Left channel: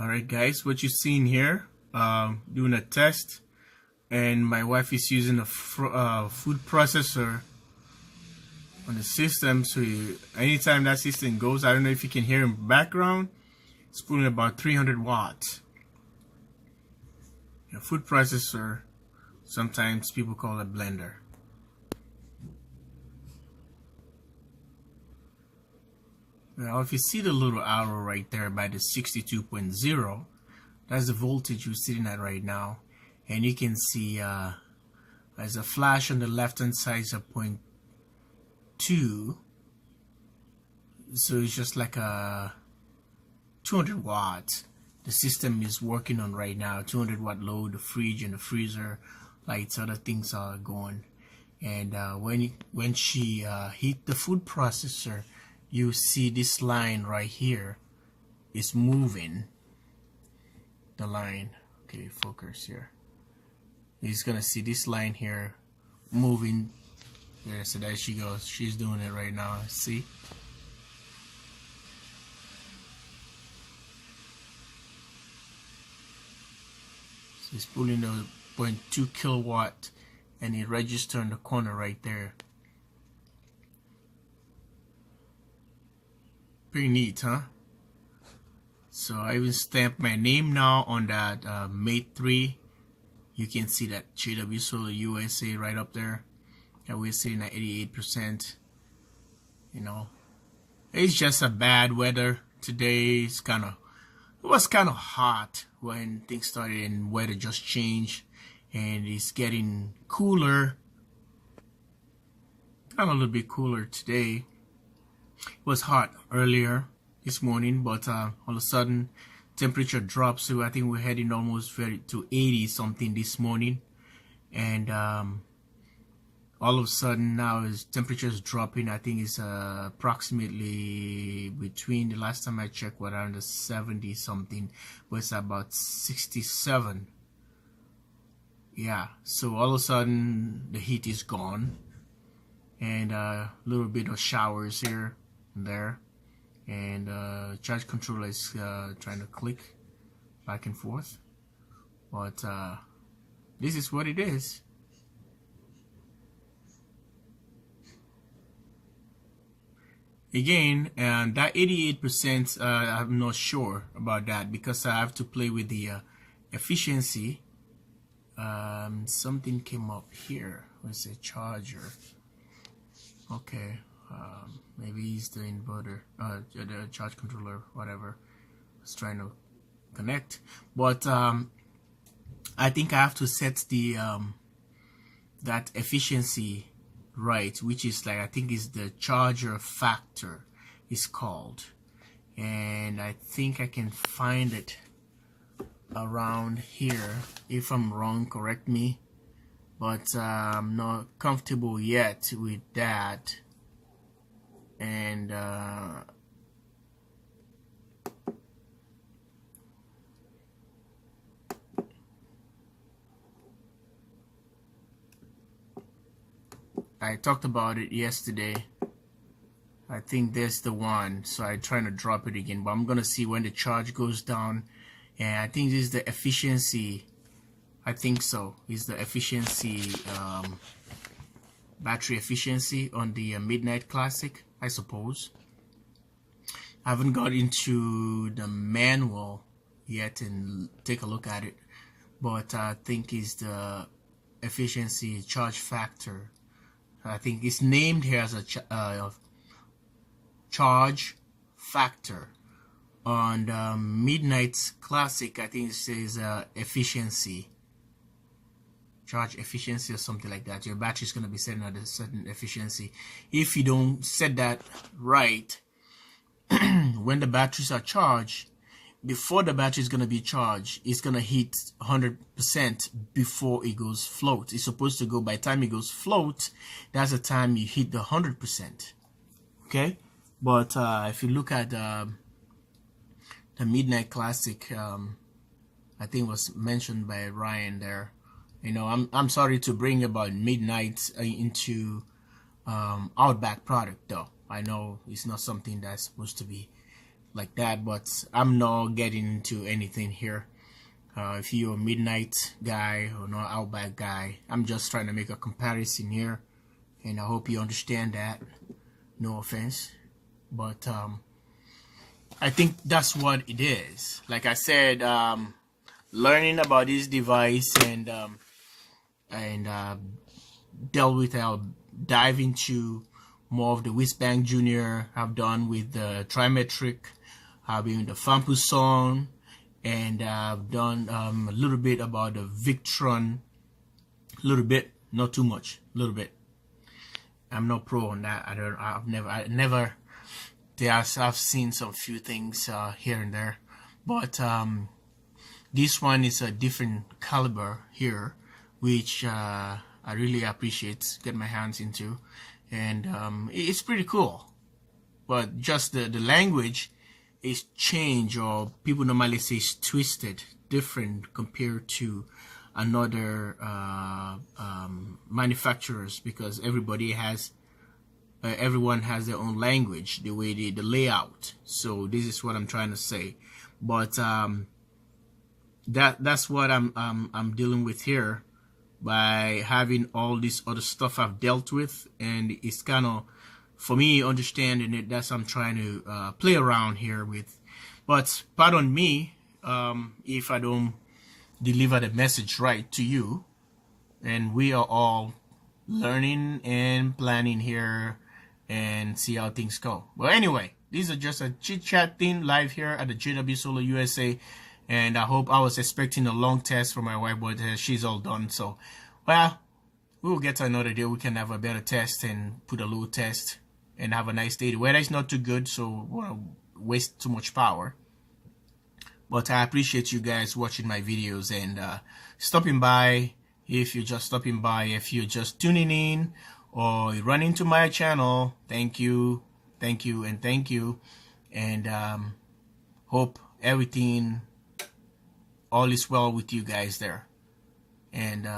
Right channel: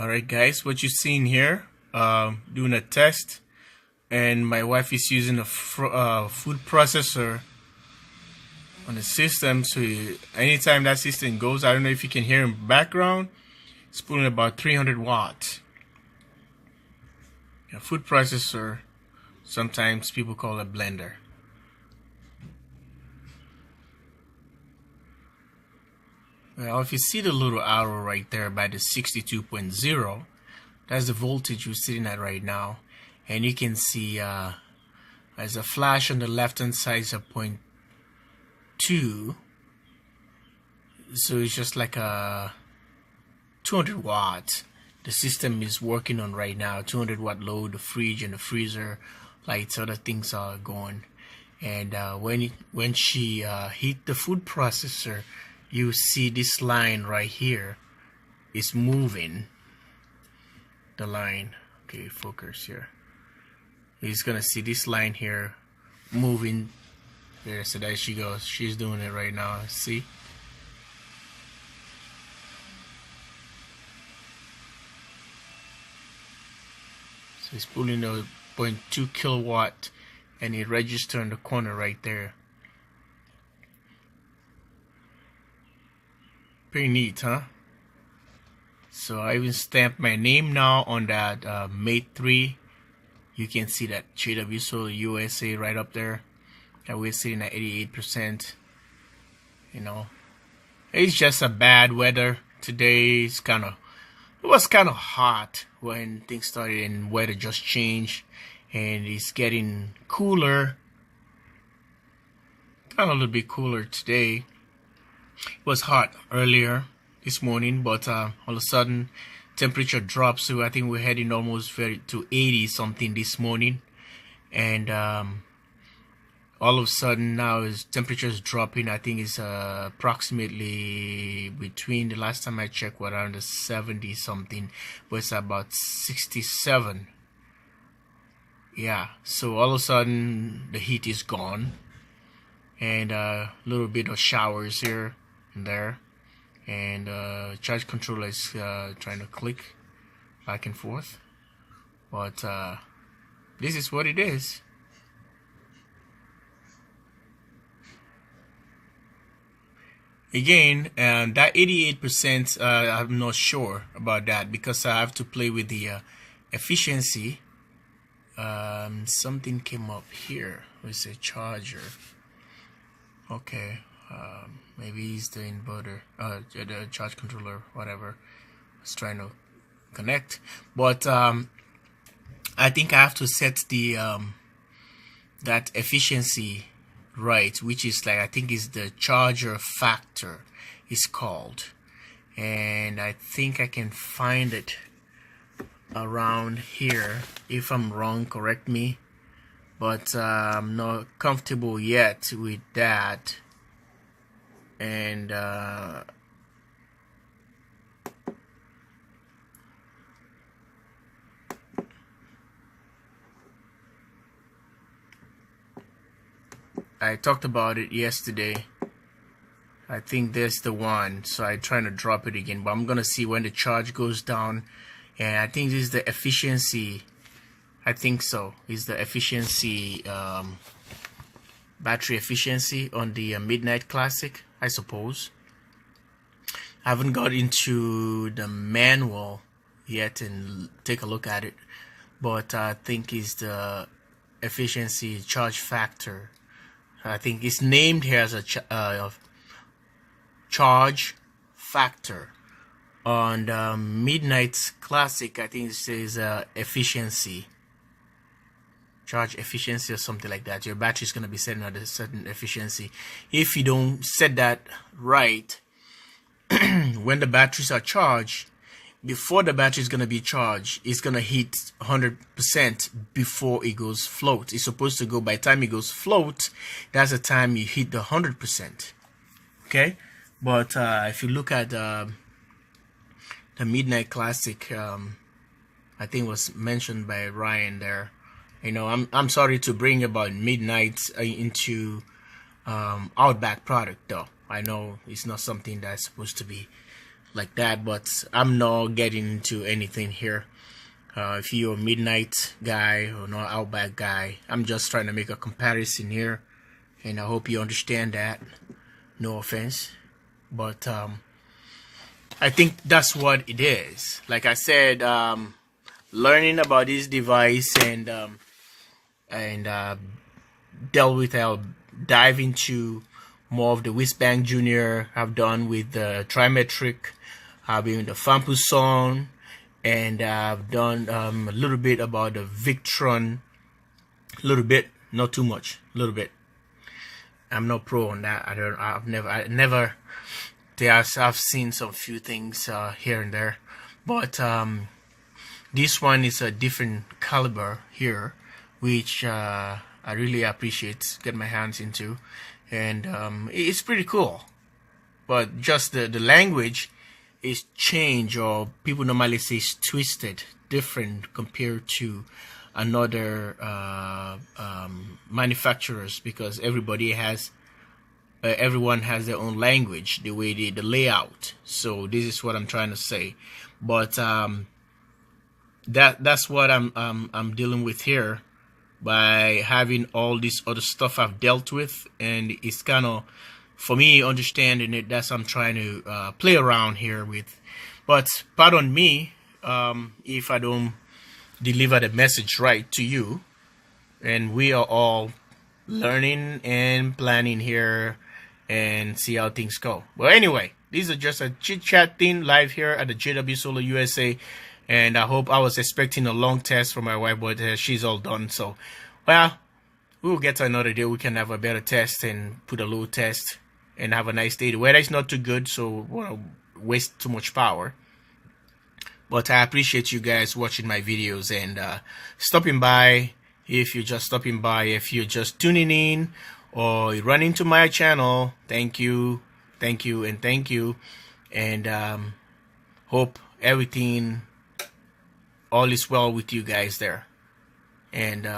Alright guys, what you're seeing here, doing a test, and my wife is using a food processor on the system, so anytime that system goes, I don't know if you can hear in the background, it's pulling about 300 watts. A food processor, sometimes people call it a blender. Well, if you see the little arrow right there by the 62.0, that's the voltage we're sitting at right now. And you can see there's a flash on the left hand side is a 0.2. So it's just like a 200 watts. The system is working on right now. 200 watt load, the fridge and the freezer, lights, other things are going. And when she hit the food processor, you see this line right here is moving. The line, okay, focus here. He's gonna see this line here moving there. So there she goes. She's doing it right now. See? So it's pulling the 0.2 kilowatt, and it registers in the corner right there. Pretty neat, huh? So I even stamped my name now on that MATE3. You can see that jwsolarusa right up there. And we're sitting at 88%. You know, it's just a bad weather today. It was kind of hot when things started and weather just changed, and it's getting cooler. Kind of a little bit cooler today. It was hot earlier this morning, but all of a sudden temperature drops. So I think we're heading almost to 80 something this morning, and all of a sudden now is temperatures dropping. I think it's approximately between, the last time I checked, was around the 70 something, but it's about 67. Yeah, so all of a sudden the heat is gone, and a little bit of showers here and there, and charge controller is trying to click back and forth, but this is what it is. Again, and that 88%, I'm not sure about that, because I have to play with the efficiency. Something came up here. It's a charger. Okay, maybe it's the inverter, the charge controller, whatever. It's trying to connect, but I think I have to set the that efficiency right, which is like, I think is the charger factor is called, and I think I can find it around here. If I'm wrong, correct me, but I'm not comfortable yet with that. And I talked about it yesterday. I think there's the one, so I'm trying to drop it again, but I'm gonna see when the charge goes down. And I think this is the efficiency. I think so. Is the efficiency, battery efficiency on the Midnight Classic, I suppose. I haven't got into the manual yet and take a look at it, but I think it's the efficiency charge factor. I think it's named here as a charge factor. On the Midnight Classic, I think it says efficiency, charge efficiency or something like that. Your battery is going to be setting at a certain efficiency. If you don't set that right, when the batteries are charged, before the battery is going to be charged, it's going to hit 100% before it goes float. It's supposed to go, by the time it goes float, that's the time you hit the 100%. Okay, but if you look at the Midnight Classic, I think it was mentioned by Ryan there. You know, I'm sorry to bring about Midnight into OUTBACK product, though. I know it's not something that's supposed to be like that, but I'm not getting into anything here. If you're a midnight guy or not OUTBACK guy, I'm just trying to make a comparison here, and I hope you understand that. No offense, but I think that's what it is. Like I said, learning about this device and dealt with, I'll dive into more of the Whizbang Junior. I've done with the Trimetric, I've been the Fampuson, and I've done a little bit about the Victron. A little bit, not too much, a little bit. I'm not pro on that. I've never. I've seen some few things here and there, but this one is a different caliber here, which I really appreciate getting my hands into, and it's pretty cool. But just the language is changed, or people normally say it's twisted, different compared to another manufacturers, because everybody has everyone has their own language, the way the layout. So this is what I'm trying to say, but that's what I'm dealing with here by having all this other stuff I've dealt with, and it's kind of, for me, understanding it, that's I'm trying to play around here with. But pardon me if I don't deliver the message right to you, and we are all learning and planning here and see how things go. But anyway, these are just a chit chat thing live here at the jwsolarusa USA, and I hope, I was expecting a long test from my wife, but she's all done. So well, we'll get to another day, we can have a better test and put a low test and have a nice day. The weather is not too good, so we'll waste too much power. But I appreciate you guys watching my videos and stopping by. If you're just stopping by, if you're just tuning in or you run into my channel, thank you, and thank you, and hope everything, all is well with you guys there, and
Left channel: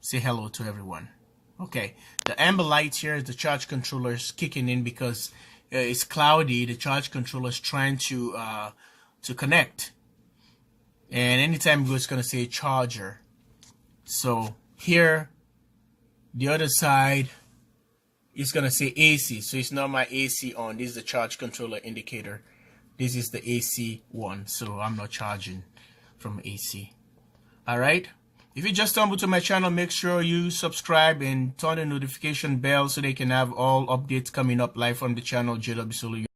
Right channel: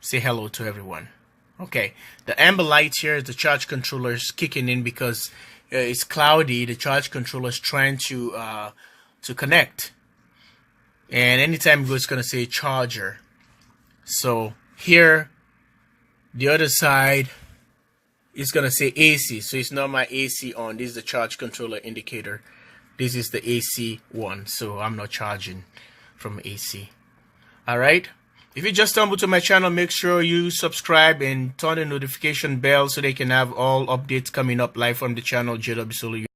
say hello to everyone. Okay, the amber light here is the charge controller is kicking in because it's cloudy. The charge controller is trying to connect, and anytime it goes, it's gonna say charger. So here, the other side is gonna say AC. So it's not my AC on. This is the charge controller indicator. This is the AC one. So I'm not charging from AC. All right. If you just stumbled to my channel, make sure you subscribe and turn the notification bell so they can have all updates coming up live from the channel, jwsolarusa.